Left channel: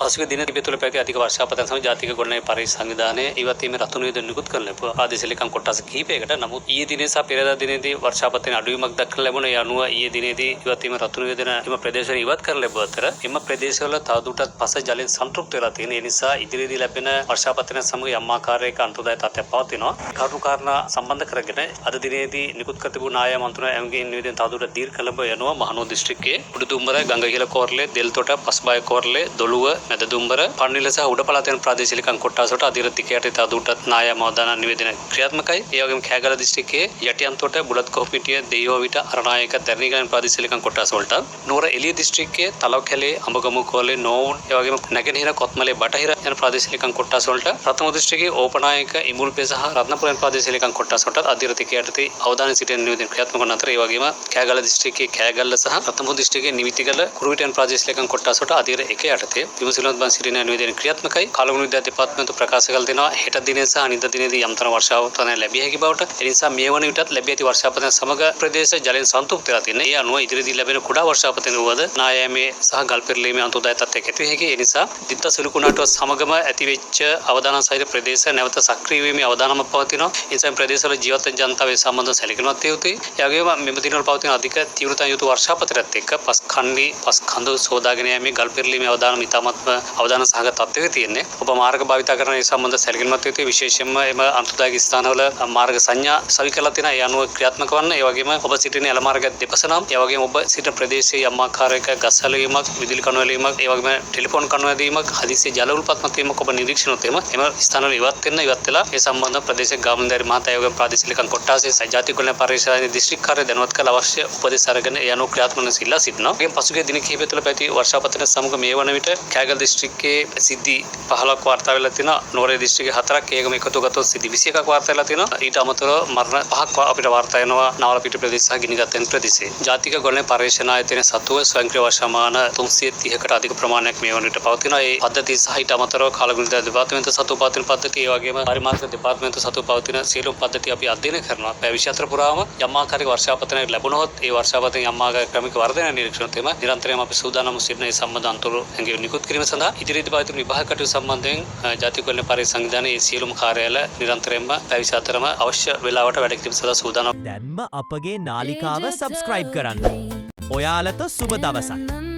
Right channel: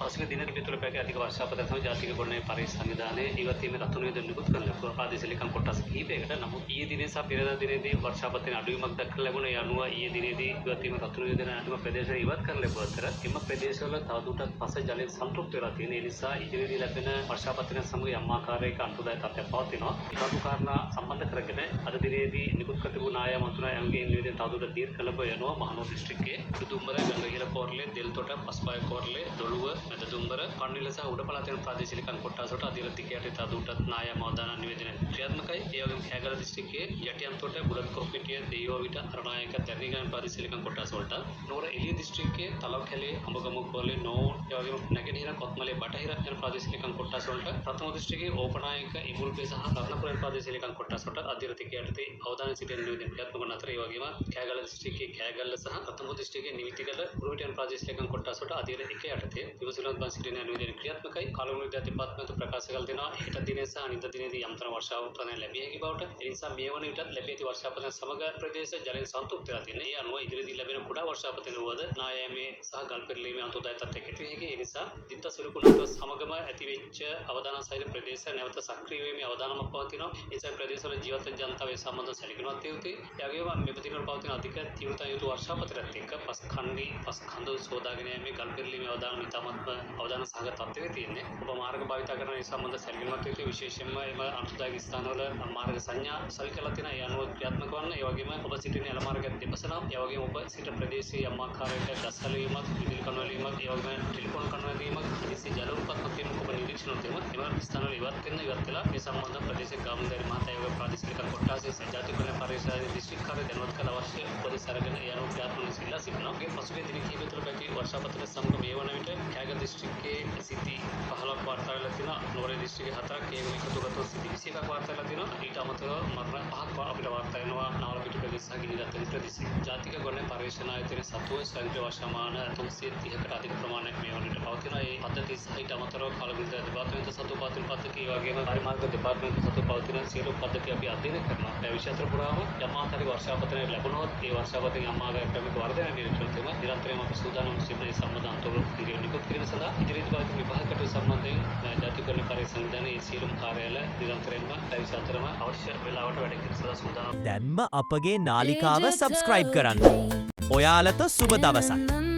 පසුගිය දින තිබෙන තුල පැවති අධික වර්ෂාපතන සමග ජාතික ගොඩනැගිලි පරිසර සංවිධානයේ ඉවතීමේ රතු නිවේදන නිකුත් කරන ලැබුවා. ආදේශ ලේකම් කොටස් කිහිපයකට. නමුත් ඊයේ දිනේ සහ පෙරේදා දිනේදී වර්ෂාපතන අඩුවීමක් දක්වන ලැබුණා. ඒ අනුව ඊයේ දිනේදී ඉවතීමේ රතු නිවේදන එම ප්‍රදේශවල ඉවත් කරන ලැබුව අතර එම ප්‍රදේශවල තවදුරටත් පස ජලයෙන් සන්තෘප්ත වෙලා තියෙන. ඒ නිසා ඉදිරියේදී ලැබෙන වර්ෂාපතන සමග යම් ආකාරයක අනුදායක තත්ත්වයක් පවතිනවා. කරුණු කාරණා සම්බන්ධ කරගෙන අද දිනේදී නිකුත් කර තිබූ නාය මන්ත්‍රණ ඇමගේ නිවේදන තවදුරටත් දීර්ඝ කළඹ යනවා. මහනෝ දිස්ත්‍රික්කයේ උඩුදුම්බර ගංගහිල කෝරළේ දෙල්තොට පස්බය කෝරළේ දොළුව මැද දුම්බර පන්විල සහ උඩ පළාතෙන් ප්‍රාදේශීය ලේකම් කොට්ටාසට අධිරතිකයට තවදුරටත් නාය මවදාන නිවේදන ක්‍රියාත්මකයි. ඒ වගේම කෑගල දිස්ත්‍රික්කයේ යටියන්තොට බුලත් කොහොපිටිය දෙයෝවිට අරණායක දැරණිගලන් ප්‍රාදේශීය ලේකම් කොට්ටාස වලට නුවර එළිය දිස්ත්‍රික්කයේ තලවකැලේ අඹගමු කෝලේ නෝන් ඒ වගේම නැගෙනහිර කොත්මලේ බටහිර යන ප්‍රාදේශීය ලේකම් කොට්ටාස වලට ප්‍රථම දිස්ත්‍රික්කයේ ඕපනායක ඉමුල්පේ සහ රත්නපුරෙන් ප්‍රාදේශීය ලේකම් කොට්ටාස වලට අධිරතිකයට අවදාන සිටින නිවේදන ක්‍රියාත්මක වන අතර ඒ වගේම කෑගල දිස්ත්‍රික්කයේ කෑගල්ල සහ රත්නපුර දිස්ත්‍රික්කයේ නිවිතිගල කුරුවිටන් ප්‍රාදේශීය ලේකම් කොට්ටාස වලට අධිර 1 යටතේ විමසිලිමත් බන් සිටින නිවේදන ක්‍රියාත්මකයි. කලගුණ විද්‍යා දෙපාර්තමේන්තුව ප්‍රකාශ කළ දෙනවා හෙට දිනේ සහ අනිද්දා දිනේදී යම්තර වර්ෂාපතන ලැබිය හැකි බවට. ඒ නිසා මේ වන විටත් ලැබී ඇති වර්ෂාපතන සමග ප්‍රදේශ ජලයෙන් සන්තුෂ්ත වෙලා තියෙනවා. ඒ අනුව ඉදිරියේදී ලැබෙන කුඩා වර්ෂාපතන වුවද නායෑමේ සහ ගල් පෙරළීමේ අන්තෝදාය තත්ත්වයක් ඇති වෙ හැකි. ඒ නිසා දිත්ත සුළුකුණාටුව සමගම ඇතිවෙච්ච අවදානම් සහිත ප්‍රදේශ නැවත සක්‍රිය වීමේ අවදානමක් පවතිනවා. ඒ නිසා ප්‍රදේශවල ජීවත් වෙන ජනතාවේ සම්බන්ධව සැලකිලිමත් විය යුතුයි. ඒ වගේම මෙම දිනවල පවතින අධික තීව්‍රතාවය යුතු වර්ෂාපතනත් එක්ක පස් කඳු සෝදාගෙන යෑමේ ගල් පෙරළීමේ අවදානම ඉතාමත්ම අවදාන සහගත තත්ත්වයක තියෙන්නේ. ඔබ මාර්ග භාවිත කරන ඒ සම්බන්ධ සැලකිලිමත් විය යුතුයි. විශේෂයෙන්ම එම අන්තර්ජාතික ස්ථානවල මාර්ග සංඥා සවි කරලා තියෙනවා. ඒ අනුව ක්‍රියාත්මක වන්න. ඒ වගේම ඔබ සිටින එළ මාර්ග දෙපස නම් ඒ වගේම ඔබ සිටින ප්‍රදේශයේ යම් ආකාරයක ගස් හැලවීමක්, විදුලි කණු හැලවීමක්, ඒ වගේම ටෙලිෆෝන් කණු හැදීමක්, හදිසියේ ජල උල්පත්මත් වීමක් ඔබ නිරීක්ෂණය එම ස්ථානවල ඉවත් වෙලා ඒ සම්බන්ධ ප්‍රදේශ ගාමන්දාරි මහතා ඒ වගේම ප්‍රාදේශීය ලේකම් කොට්ටාසේ ජාතික ගොඩනැගිලි පරිශ්‍රයේ දිස්ත්‍රික් කාර්ය දැනුවත් කළ අවශ්‍ය උපදෙස් අරගෙන ඒ අනුව ක්‍රියාත්මක වන සිල්ලා සිටිනවා. මේ පසුගිය දින කිහිපය තුළ පැවති වර්ෂාපතන සමග මේ වන විට කෑගල් දිස්ත්‍රික්කයේ සිද්ධි 15ක් වාර්තා වෙලා තිනවා. නුවර දිස්ත්‍රික්කයේ 4ක් ඒකම එකතු ගත්තොත් සිද්ධි 21ක් වාර්තා වෙලා තිනවා. ඊට අමතරව මරණ 5ක් අපිට වාර්තා වෙනවා නාවලපිට ප්‍රදේශ සහ ගිනිගත්තෙන් ප්‍රදේශයේ. ජාතික ගොඩනැගිලි පරිශ්‍රණ ආයතනයේ සතුව ස්වයංක්‍රීය වර්ෂමාන 330කට අධික ප්‍රමාණයක් මේ වන විට පවතිනවා. ඒ පද්ධතිය සහ ඊට අමතරව කාලගුණ දෙපාර්තමේන්තුව සතුව පවතින පද්ධතිය ඒ වගේම පරිමාර්ථ දෙපාර්තමේන්තුව සතුව පවතින සියලු පද්ධති අපි අධ්‍යයනය කරනවා. පැය 24 පුරාම යම් ආකාරයක වර්ෂාපතනයක් ලැබුණොත් ඒ වර්ෂාපතන යම් ආකාරයක ක්‍රමික වර්ධනය නිරීක්ෂණය තෙම නිරන්තරයෙන්ම අපි සූදානම් සිටින ඒ සම්බන්ධ අන්තර ඇඟිලි නිකුත් කිරීම සඳහා ඉදිරියට පවතින විභාග කටයුතු සම්බන්ධයෙන් ජාතික ගොඩනැගිලි පරිශ්‍රණ සංවිධානයේ සියලුම කාර්යාල නිරන්තරයෙන්ම පැය 24ම අවශ්‍ය වේලාවට වැඩ කිරීම සඳහා සූදානම්. දැන්ම අපගේ නාලිකාව සබ්ස්ක්‍රයිබ් කරන්න. ඔයාලට සුබ දවසක්.